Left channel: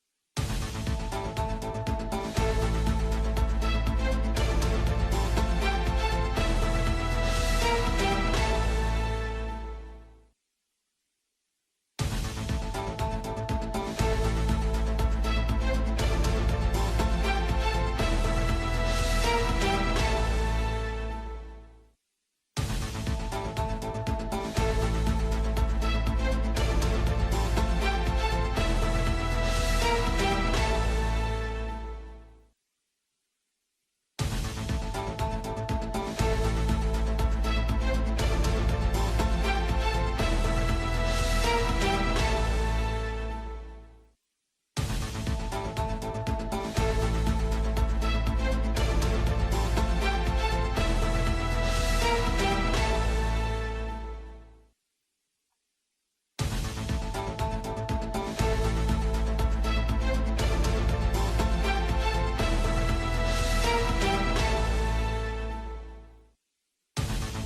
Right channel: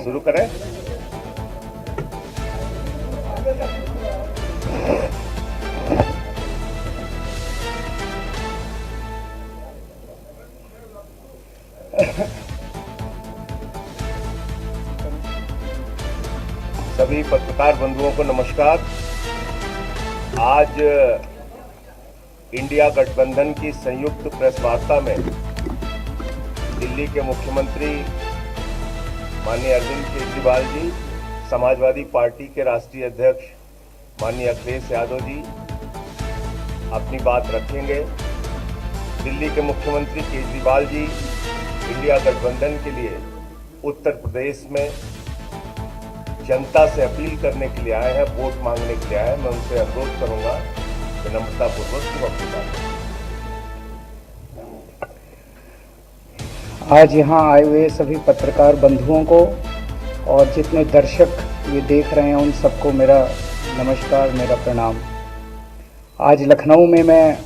शुरू करें। सभी पत्रकार बंधुओं को नमस्कार। आज इंडिया गठबंधन की संयुक्त प्रेस वार्ता में दिल्ली के मुख्यमंत्री माननीय अरविंद केजरीवाल जी, समाजवादी पार्टी के राष्ट्रीय अध्यक्ष माननीय अखिलेश यादव जी अपनी बात रखेंगे। दिल्ली के मुख्यमंत्री केजरीवाल जी इंडिया गठबंधन के लिए उत्तर प्रदेश में जनता से अपील करने के लिए आए हैं, वोट मांगने के लिए आए हैं। मैं उनसे अनुरोध करूंगा कि नम्रतापूर्वक अपनी बात करें। आज यहाँ आए हुए सभी पत्रकार बंधुओं को और जितने दर्शक ये देख रहे हैं उन सबको मेरा नमस्कार, मेरा प्रणाम। आज लखनऊ में मैं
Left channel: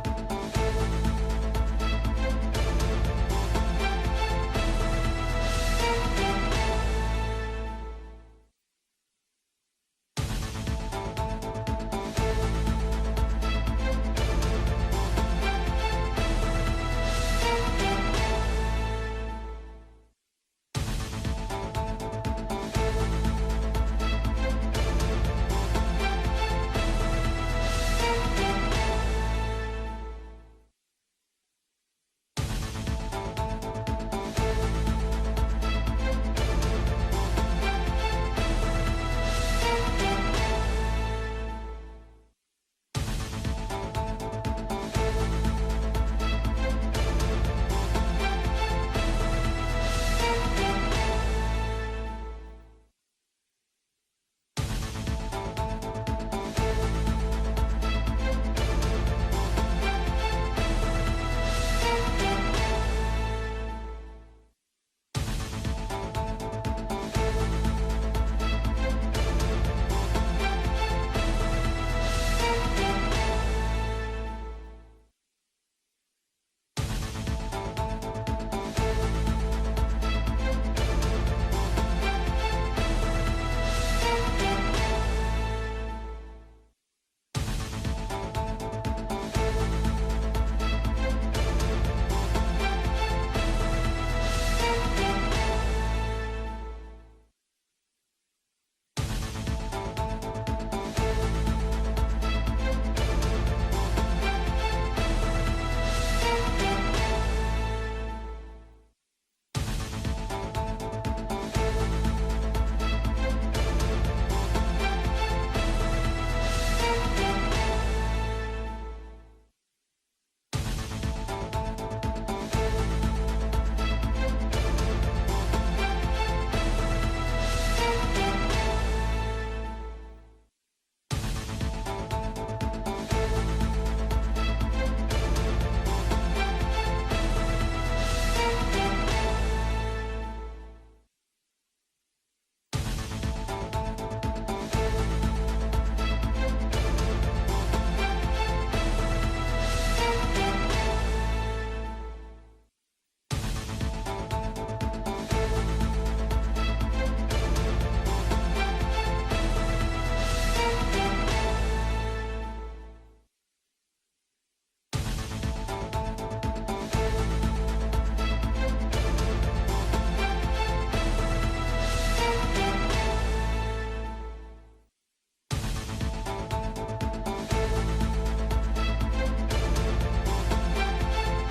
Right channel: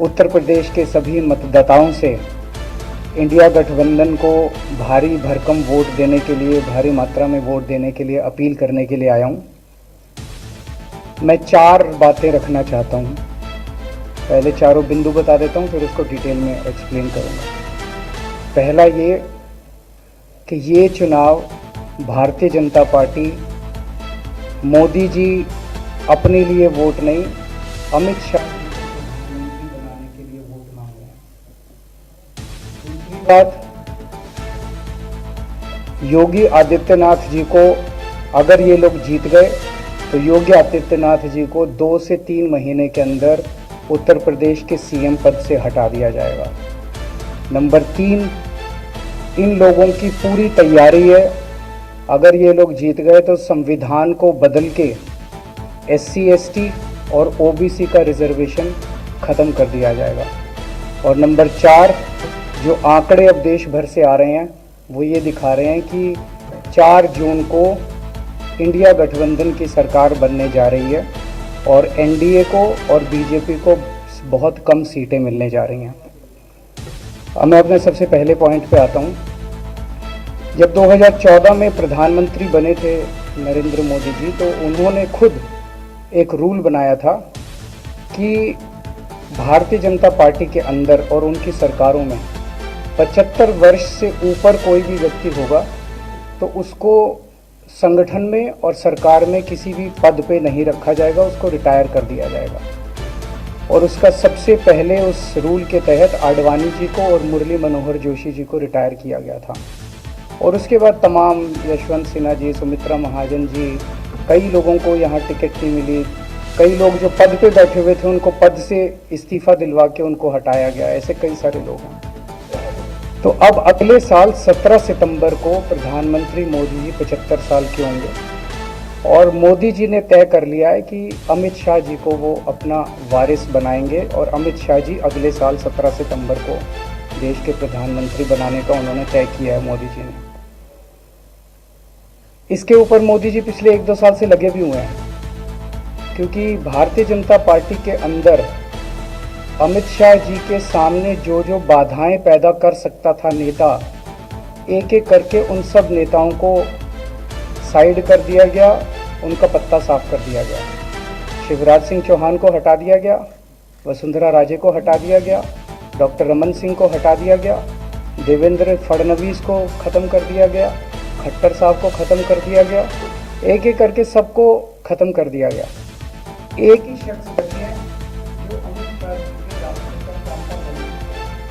उत्तर प्रदेश के सभी मतदाताओं से इंडिया गठबंधन को भारी भरकम वोट देने के लिए, भारी मात्रा में वोट देने के लिए अपील करने के लिए आया हूँ। मैं 4 बातें रखना चाहता हूँ। पहले चारों बिंदु बता देता हूँ, फिर उसको डिटेल में एक्सप्लेन करूँगा। पहला ये कि ये चुनाव भारतीय जनता पार्टी, मोदी जी अपने लिए वोट नहीं, अमित शाह बनाने के लिए वोट मांग रहे हैं। बात, योगी आदित्यनाथ जी को अगर ये लोग जीत गए तो योगी आदित्यनाथ जी को 2 से 3 महीने के अंदर उत्तर प्रदेश के सीएम पद से हटा दिया जाएगा। नंबर 3, इन लोगों की पूरी तैयारी है। अगर ये लोग जीत गए तो संविधान को बदल के SC ST और OBC का रिजर्वेशन खत्म कर दिया जाएगा। और नंबर 4, जो आंकड़े अब देश भर से आ रहे हैं वो ये दिखा रहे हैं कि 4 जून को इंडिया गठबंधन की सरकार बनने जा रही है और NDA को और BJP को बहुत कम सीटें मिलने जा रही हैं। अब मैं अपने सबसे पहले पॉइंट पे आता हूँ। जब 2014 में प्रधानमंत्री बने थे नरेंद्र मोदी जी, तो उन्होंने खुद एक रूल बनाया था कि भारतीय जनता पार्टी के अंदर और उनकी सरकारों में 75 वर्ष से ऊपर कोई भी व्यक्ति होगा तो उसको संगठन में और सरकार में किसी भी पद पे नहीं रखा जाएगा, उसको रिटायर कर दिया जाएगा। और उसका सबसे पहले उस रूल के तहत आडवाणी जी को और मुरली मनोहर जोशी जी को रिटायर किया गया था। और उसके बाद तमाम यशवंत सिन्हा जी, सुमित्रा महाजन जी, कई लोगों को यहाँ टिकट नहीं मिली। कई लोग जो पद पे बैठे हुए थे उनको पद से इस्तीफा दिलवा के उनको हटाया गया। ऐसे कई सारे लोग हैं। तो अब अगले साल 17 सितंबर को प्रधानमंत्री मोदी जी 75 साल के होंगे और मोदी जी ने तय कर लिया है कि अमित शाह जी को वो अपना वारिस बनाएंगे और अमित शाह जी अगले साल 17 सितंबर को देश के प्रधानमंत्री बनाने का उन्होंने तय किया है मोदी जी ने। इसके ऊपर मोदी जी पिछले 1-2 साल से लगे भी हुए हैं, क्योंकि भारतीय जनता पार्टी के अंदर अमित शाह जी के सामने जो जो बाधाएं पैदा कर सकता था नेता, एक एक करके उन सब नेताओं को साइड कर दिया गया, उनका पत्ता साफ कर दिया गया। शिवराज सिंह चौहान को हटा दिया गया, वसुंधरा राजे को हटा दिया गया, डॉक्टर रमन सिंह को हटा दिया गया, देवेंद्र फडणवीस को ख़त्म कर दिया गया, खट्टर साहब को ख़त्म कर दिया गया। एक एक करके सबको ख़त्म कर दिया गया। एक ही शख्स बचे हैं जो अमित शाह जी के रास्ते पर काम कर रहे हैं।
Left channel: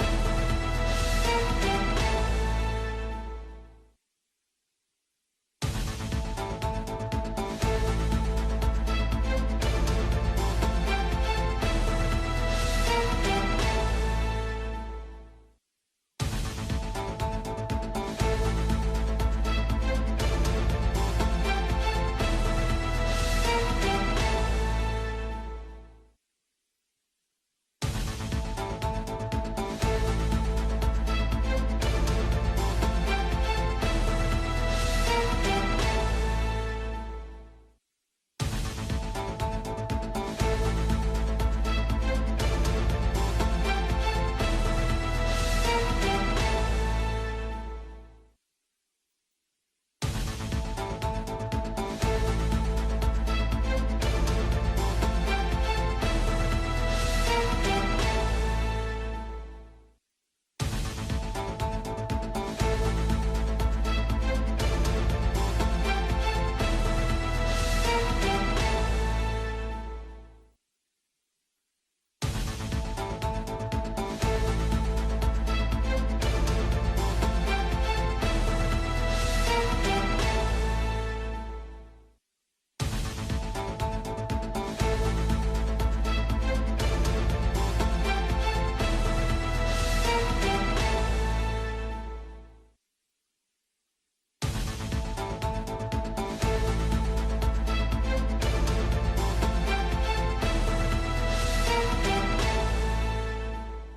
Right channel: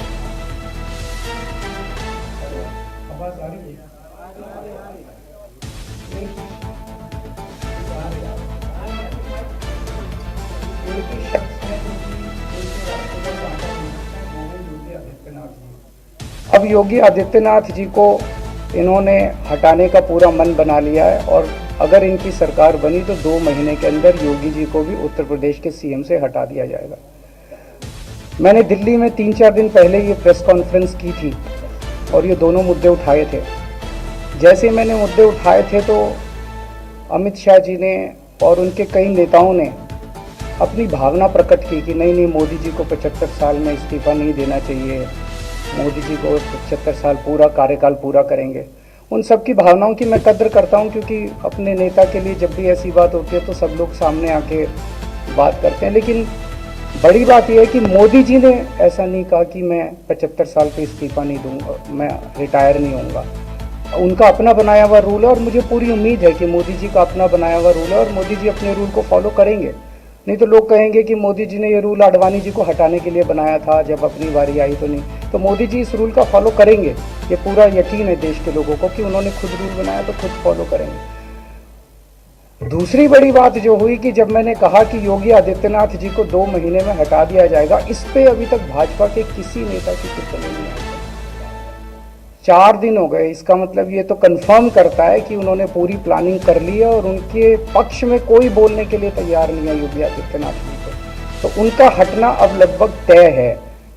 आवाज़ आ रही है? अब योगी आदित्यनाथ जी को इन्होंने हटाने का पूरा मन बना लिया है और अगर इनकी सरकार बनी तो 2 महीने के अंदर योगी जी को भी उत्तर प्रदेश के सीएम से हटा दिया जाएगा। मैंने दिल्ली में 3-4 दिन पहले ये प्रेस कॉन्फ्रेंस की थी और ये दोनों मुद्दे उठाए थे। जैसे मैंने मुद्दे उठाए थे तो अमित शाह जी ने और उनके कई नेताओं ने अपनी भावना प्रकट की कि नहीं मोदी जी को 75 साल में इस्तीफा नहीं देना चाहिए, मोदी जी को 75 साल पूरा कार्यकाल पूरा करेंगे। उन सब की भावनाओं की मैं कद्र करता हूं, क्योंकि अपने नेता के लिए जब भी ऐसी बात होती है तो सब लोग सामने आके बात करते हैं। लेकिन बड़ी बात यह है कि मोदी जी ने ऐसा नहीं कहा कि मैं 75 साल पे इस्तीफा नहीं दूंगा, मैं रिटायर नहीं होऊंगा। उनका अपना बनाया हुआ रूल है और मुझे पूरी उम्मीद है कि मोदी जी का अपना बनाया हुआ रूल है और मोदी जी अपने रूल को फॉलो करेंगे। नहीं तो लोग कहेंगे कि मोदी जी ने ये रूल आडवाणी जी को हटाने के लिए बनाया था, जब अपनी बारी आई तो नहीं। तो मोदी जी इस रूल का फॉलो करेंगे, ये पूरा यकीन है देश के लोगों को कि उन्होंने खुद रूल बनाया तो खुद फॉलो करेंगे। दूसरी बड़ी बात जो हुई कि जब मैंने कहा कि योगी आदित्यनाथ जी को 2 महीने में हटा दिया जाएगा, इस पे अभी तक भाजपा के किसी नेता की टिप्पणी नहीं आई। 4 दिन हो गए, इसका मतलब ये तो कंफर्म करता है कि उन्होंने पूरी प्लानिंग कर ली है और उनके पक्ष में कोई बोलने के लिए तैयार नहीं है योगी आदित्यनाथ जी को। तो उनका हटना अब लगभग तय है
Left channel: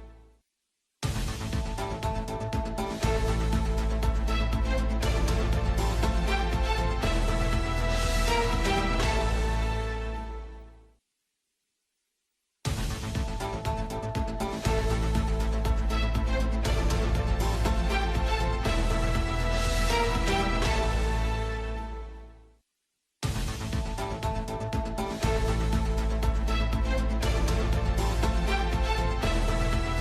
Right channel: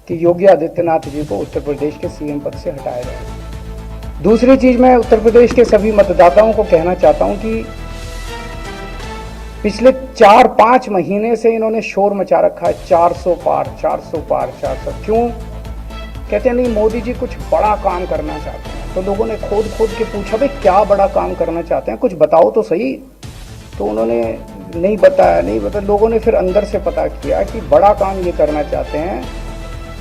कि योगी आदित्यनाथ जी को उत्तर प्रदेश के सीएम पद से हटाया जाए। दूसरी चीज, मैं उत्तर प्रदेश के सभी मतदाताओं को कहना चाहता हूं कि पिछले 4-5 महीने से इन्होंने शोर मचा रखा है, 400 पार 400 पार 400। क्यों? कहते नहीं मोदी जी कुछ बड़ा काम करना चाहते हैं। तो लोगों ने खोद के पूछा भाई क्या बड़ा काम करना चाहते हैं, कुछ बताओ तो सही। तो उन्होंने नहीं बताया। लोगों ने फिर अंदर से पता किया कि बड़ा काम ये करना चाहते हैं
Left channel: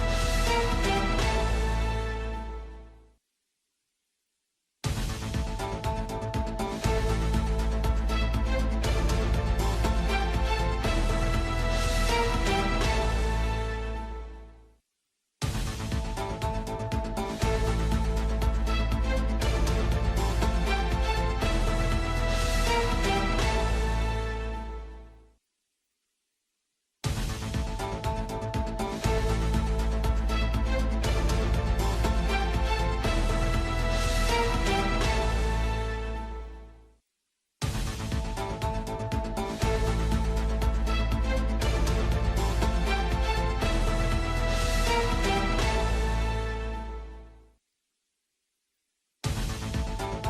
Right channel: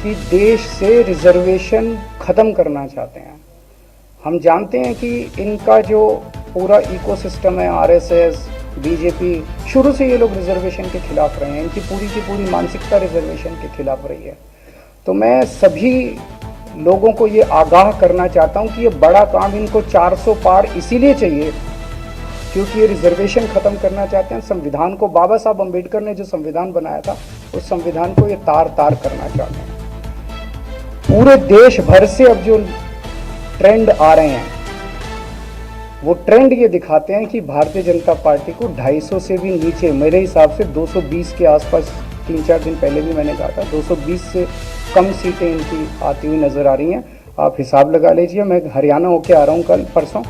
कि देश से रिजर्वेशन खत्म करना चाहते हैं। हम जानते हैं कि इनका जो पूरा इकोसिस्टम है, आरएसएस, बीजेपी, शुरू से ये लोग रिजर्वेशन के खिलाफ रहे हैं। इनकी की पूरी मानसिकता रिजर्वेशन के खिलाफ रही है। तो मैं सभी लोगों को ये आगाह करना चाहता हूं कि ये बड़ा काम इनको 400 पार इसीलिए चाहिए क्योंकि ये रिजर्वेशन खत्म करना चाहते हैं। संविधान को, बाबा साहब अम्बेडकर ने जो संविधान बनाया था, उस संविधान को ये तार करना चाहते हैं। पूरे देश भर से अब जो ट्रेंड आ रहे हैं, वो ट्रेंड ये दिखाते हैं कि भारतीय जनता पार्टी को 250 से भी नीचे, मेरे हिसाब से 220 के आसपास, 3-4 दिन पहले भी मैंने कहा था, 220 से कम सीटें इनकी आती हुई नजर आ रही हैं। आप हिसाब लगा लीजिए। मैं हरियाणा होके आ रहा हूँ कल परसों,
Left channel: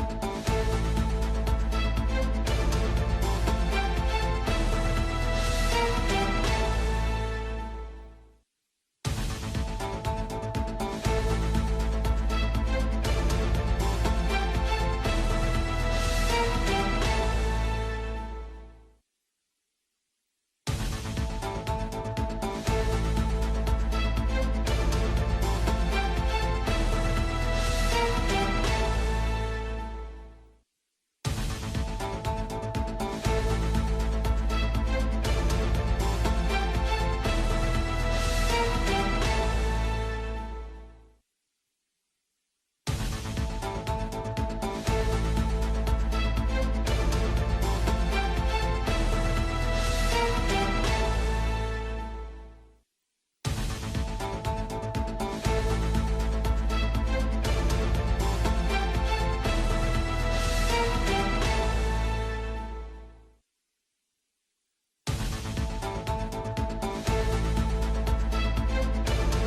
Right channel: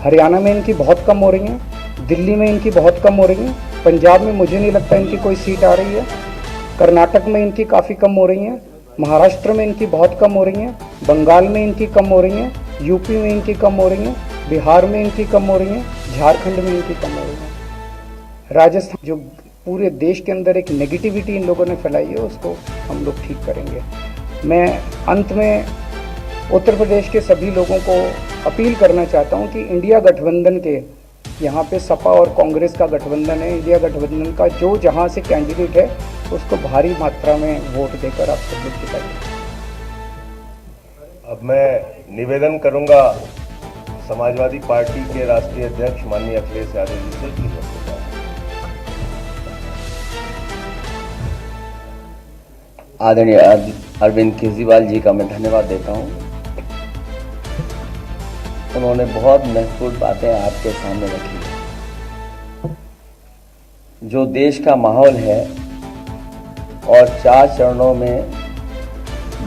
हरियाणा में इनकी बहुत कम हो रही हैं, दिल्ली में इनकी बहुत कम हो रही हैं, पंजाब में मुझे नहीं लगता इनकी कोई सीट आ रही है, कर्नाटक में इनकी काफ़ी कम हो रही हैं, महाराष्ट्र में इनकी बहुत कम हो रही हैं, बंगाल में इनकी कम हो रही हैं, यूपी में इनकी कम हो रही हैं, बिहार में इनकी कम हो रही हैं, झारखंड में इनकी कम हो रही है। राजस्थान, जो पूरे देश के अंदर एक नेगेटिविटी इन लोगों ने फैलाई है, उसको हम लोग ठीक करेंगे। मैं अंत में उत्तर प्रदेश के सभी लोगों को अपील करना चाहता हूं कि इंडिया गठबंधन के, यहाँ पे सपा और कांग्रेस का गठबंधन है, इंडिया गठबंधन का जो जहाँ से कैंडिडेट है उसको भारी मात्रा में वोट देकर आप सब लोग जिताइए। अब मैं निवेदन करूंगा समाजवादी पार्टी के राष्ट्रीय अध्यक्ष माननीय अखिलेश यादव जी से। आदरणीय अरविंद केजरीवाल जी का मैं धन्यवाद देता हूं। उन्होंने बहुत महत्वपूर्ण बातें आपके सामने रखी। जो देश का माहौल है और 4 चरणों में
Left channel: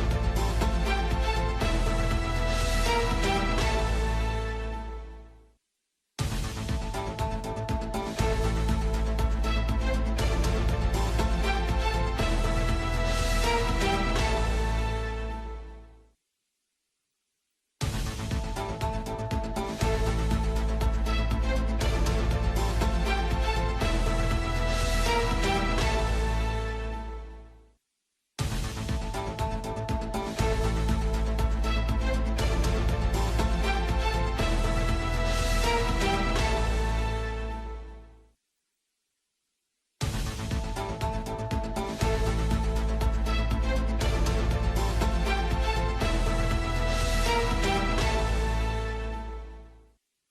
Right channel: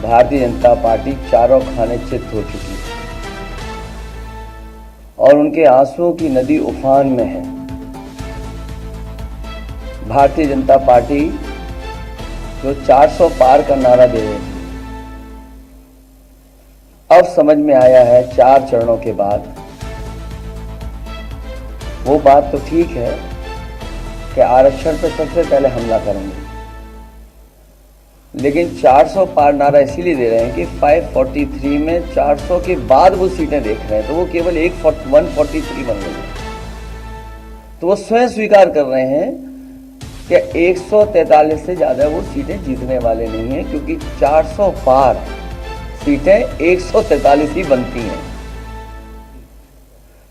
भारतीय जनता पार्टी चारों खाने चित हो चुकी है और उनके आंसुओं की नदी उफान में है। भारतीय जनता पार्टी जो 400 पार का नारा दे रहे थे, अब समझ में आया है 4 चरणों के बाद। वो बात तो ठीक है कि आरक्षण पे सबसे पहले हमला करेंगे, लेकिन 400 पार नारा इसीलिए दे रहे हैं कि 543 में 400 के बाद वो सीटें देख रहे हैं, तो वो केवल 143 बन गई। तो वो स्वयं स्वीकार कर रहे हैं कि 143 से ज्यादा वो सीटें जीतने वाले नहीं हैं, क्योंकि 400 पार सीटें 143 ही बनती हैं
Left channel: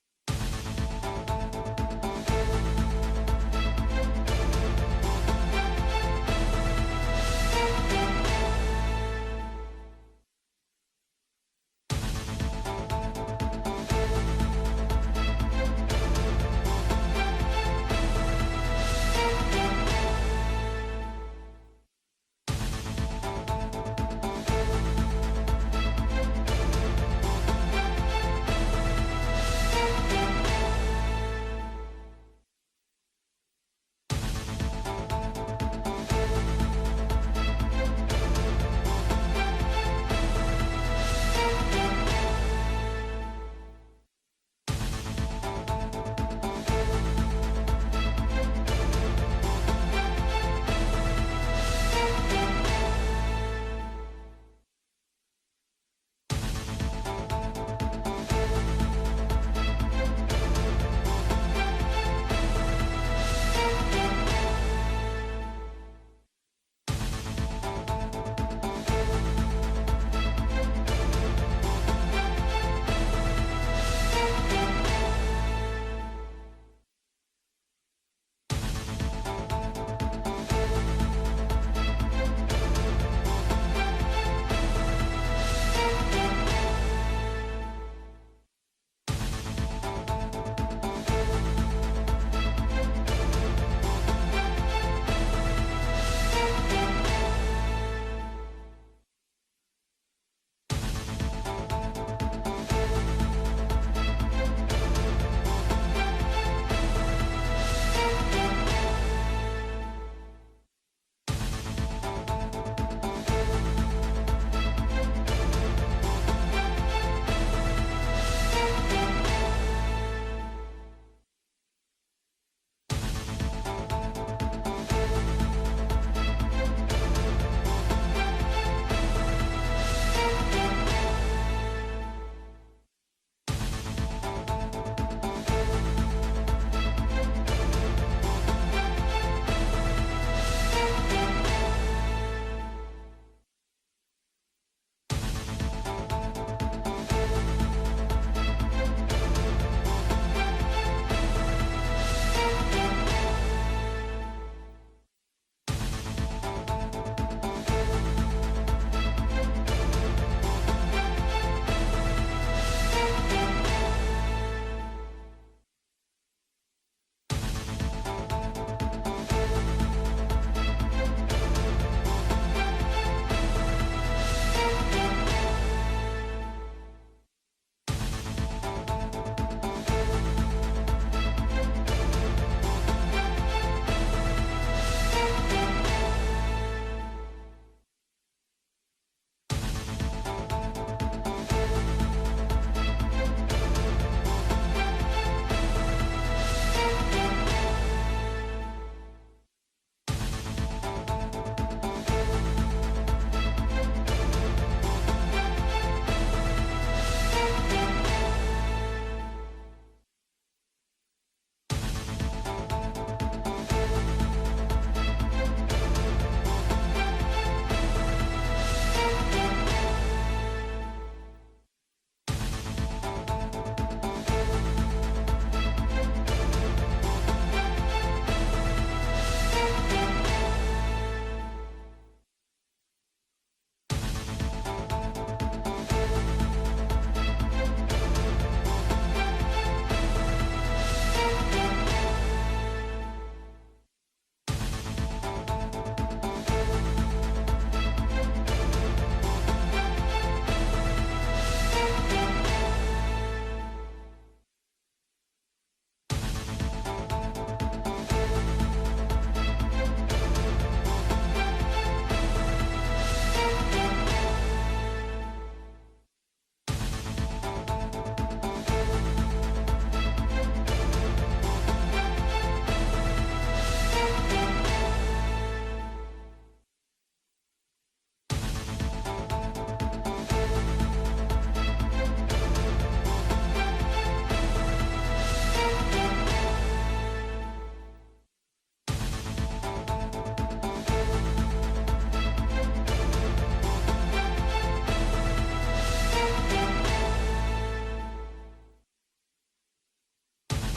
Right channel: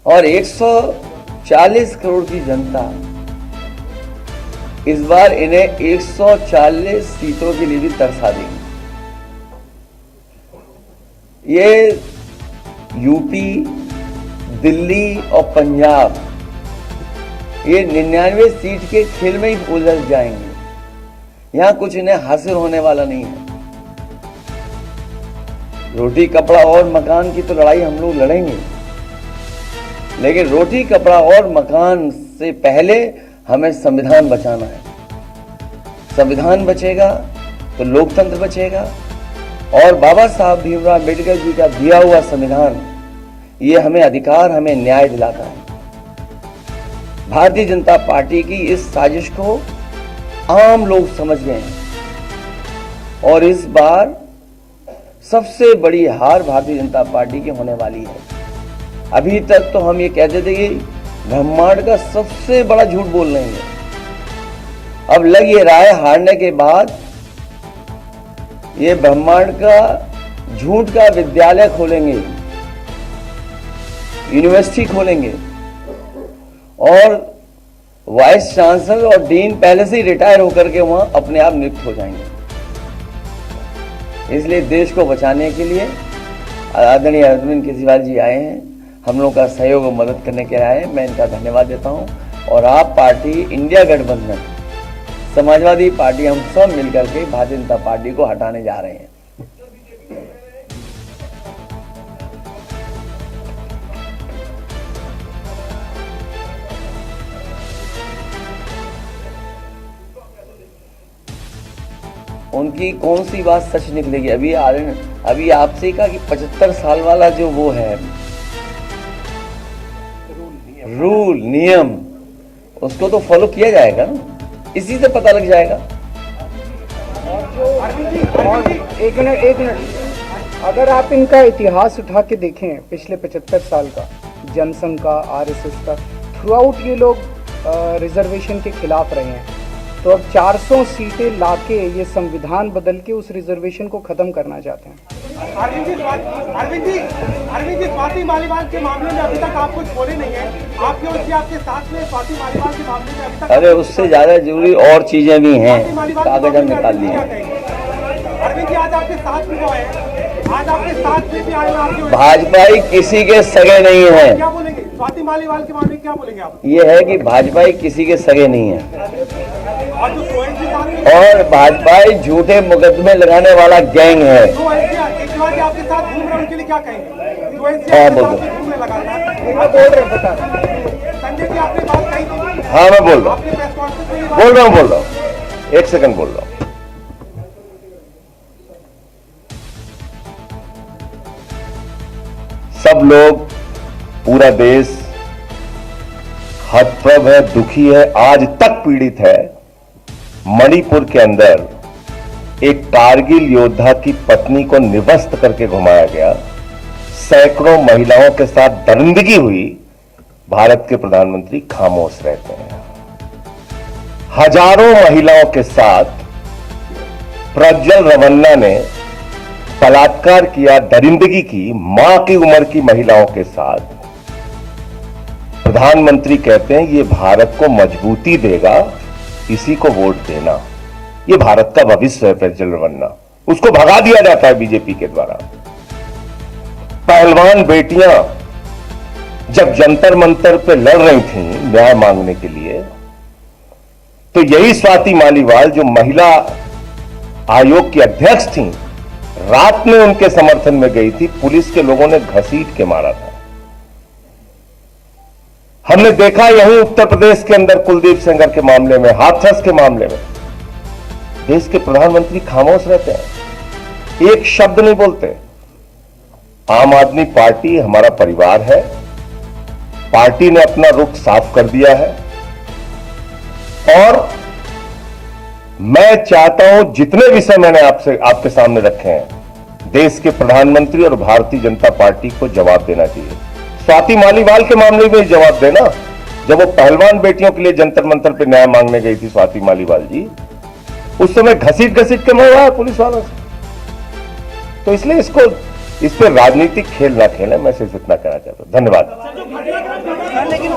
और 140 करोड़ की जनता इस बार इन्हें 140 सीटों के लिए भी तरसा देगी। ये यूपी, दिल्ली और पंजाब ये 99 सीट के खेल में ही उलझ जाएंगे। यहां कुछ इन्हें हासिल होने वाला नहीं है। रोटी कपड़ा और मकान की तो लड़ाई हम लोग लड़ेंगे, लेकिन रोटी कपड़ा और मकान से पहले हमें संविधान बचाना है। संविधान बचेगा तो लोकतंत्र बचेगा और बाबा साहब भीमराव अम्बेडकर जी का दिया हुआ संविधान ये हमें अधिकार, हमें न्याय दिलाता है। भारतीय जनता पार्टी की इस साजिश को आम लोग समझ गए हैं और इस बार सबसे बड़ी हार भारतीय जनता पार्टी की होने वाली है। अभी तक तो हम ये कहते थे कि ब्रह्मांड का सबसे बड़ा झूठ बोल रहे हैं, अब लग ये रहा है हारने के बाद ये ब्रह्मांड का झूठ का विद्यालय खोलेंगे, यूनिवर्सिटी खोलेंगे और वाइस चांसलर और डीन पहले से ही रिटायर होकर के वहां अपने आप नियुक्त हो जाएंगे। इसलिए देश को बचाने के लिए आदरणीय अरविंद केजरीवाल जी आए हैं, हम लोगों का सहयोग और मदद करने के आए हैं। मैं इनका धन्यवाद देता हूं और आप पार्टी, इंडिया गठबंधन, समाजवादी पार्टी, हम सब मिलकर के भारतीय जनता पार्टी को हटाने जा रहे हैं। उनकी कौन सी बात सच निकलेगी? अभी आपसे कहा कि 75 साल वाला जो वो है रूल नियम, उसको तो फॉलो किया जाएगा ना, इसी से पता लग जाएगा। एक मिनट, अगर आप इनका इतिहास उठा के देखें पिछले 75 साल का, जनसंघ का, आरएसएस का, थ्रू आउट ये लोग रिजर्वेशन के खिलाफ रहे हैं। तो अब 400 सीटें लाके ये संविधान बदल के उस रिजर्वेशन को खत्म करना चाहते हैं। अरविंद जी, स्वाति मालीवाल के मामले में अभी तक आप कुछ बोले नहीं है, आपके और आपके साथ में स्वाति मालीवाल के मामले में अभी तक। अरे उससे ज्यादा जरूरी और चीजें भी हैं, कागज हम निकाल लिए। अरविंद जी, आज आपके साथ में जो है, आज आपके साथ में भी आए, भाजपाई किसी के सगे नहीं है। क्या बोलेंगे स्वाति मालीवाल के मामले में, क्या बोलेंगे आप? ये है कि भाजपाई किसी के सगे नहीं है और जो और भाजपाई झूठे मुकदमे लगाने वाला गैंग है। आपके साथ घूम रहे उनके लिए क्या कहेंगे? हाँ बोल दो। संजय जी, आपने बात कही थी। हाँ मैं बोल रहा हूँ, एक सेकंड बोल रहा हूँ। सब लोग, पूरा देश हतप्रभ है, दुखी है, आज तक पीड़ित है। मणिपुर के अंदर एक कारगिल योद्धा की पत्नी को निवस्त करके घुमाया गया, सैकड़ों महिलाओं के साथ दरिंदगी हुई, भारत के प्रधानमंत्री खामोश रहते हैं। हजारों महिलाओं के साथ प्रज्वल रवन्ना ने बलात्कार किया, दरिंदगी की, मां की उम्र की महिलाओं के साथ। प्रधानमंत्री कहते हैं ये भारत को मजबूती देगा, इसी को वोट देना। ये भारत का भविष्य है प्रज्वल रवन्ना, उसको भगा दिया जाता है बीजेपी के द्वारा। पहलवान बेटियां जब जंतर मंतर पे लड़ रही थीं न्याय मांगने के लिए, तो यही स्वाति मालीवाल जो महिला आयोग की अध्यक्ष थीं, रात में उनके समर्थन में गई थी, पुलिस के लोगों ने घसीट के मारा था। हमने देखा यहीं उत्तर प्रदेश के अंदर कुलदीप सेंगर के मामले में, हाथरस के मामले में, देश के प्रधानमंत्री खामोश रहते हैं, एक शब्द नहीं बोलते। आम आदमी पार्टी हमारा परिवार है, पार्टी ने अपना रुख साफ कर दिया है और मैं चाहता हूं जितने विषय मैंने आपके सामने रखे हैं, देश के प्रधानमंत्री और भारतीय जनता पार्टी को जवाब देना चाहिए। स्वाति मालीवाल के मामले में जवाब देना, जब वो पहलवान बेटियों के लिए जंतर मंतर पे न्याय मांगने गई थी स्वाति मालीवाल जी, उस समय घसीट के मरवाया पुलिस वालों से। तो इसलिए इस पर राजनीतिक खेल ना खेलें, मैं सिर्फ इतना कहना चाहता हूं। धन्यवाद। लेकिन